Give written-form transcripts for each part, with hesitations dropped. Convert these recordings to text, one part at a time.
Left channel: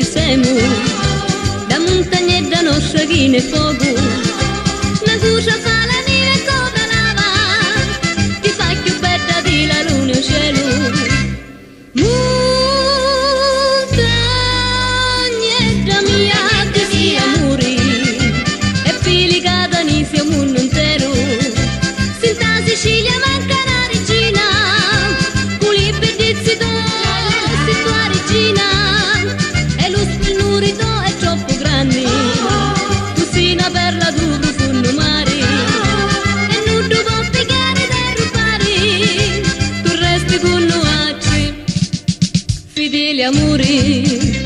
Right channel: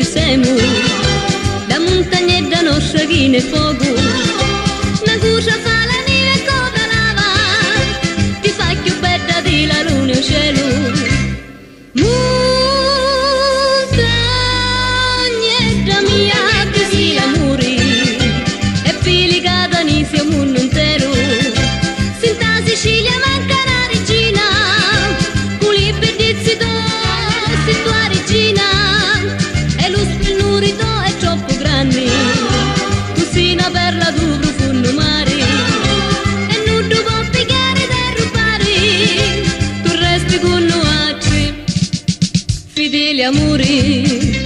ci siamo, da montagna e da nostra viene fuoco, una cucia fa la mia coda lava, ti fa più bella di la luna e cielo. Montagnetta mia che sia muri, e fili catanisi al mondo intero, senza Sicilia manca una regina, con i pedizzi si tua regina, e lo spennurito è troppo grande, cucina per la tua profondo mare, e non ti può piegare da rubare, tu resti con noi, fedeli amori.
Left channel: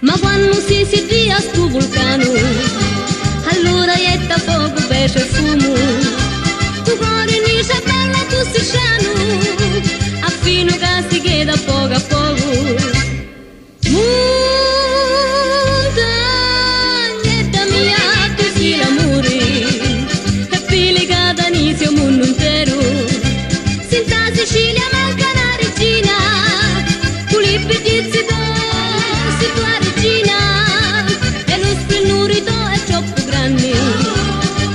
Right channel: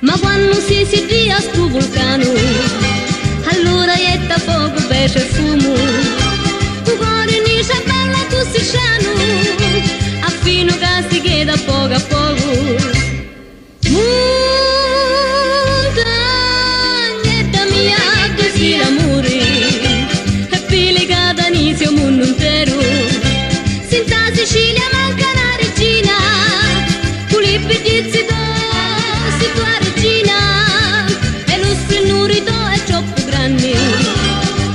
Ma quando si via sto vulcano, allora ietta fuoco, bacia e fumo, tu cuore mi c'è bella tu si sciano, a fino che si chiede a poco. Montagnetta mia che sia amore, e fili catanisi al mondo intero, senza Sicilia manca una regina, con i pedizzi si tua regina, e lo spennurito è troppo grande,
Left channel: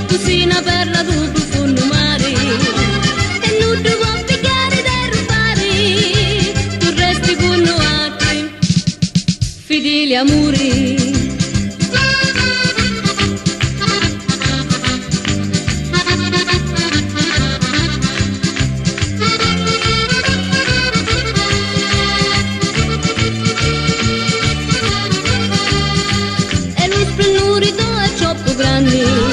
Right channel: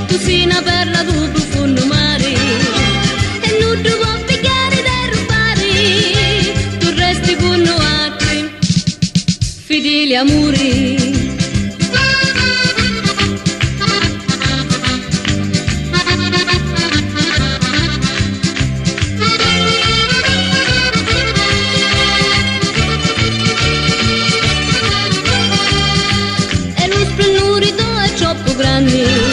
cucina per la tua profondo mare, e non ti può piegare da rubare, tu resti con noi, fedeli amori. E lo spennurito è troppo grande,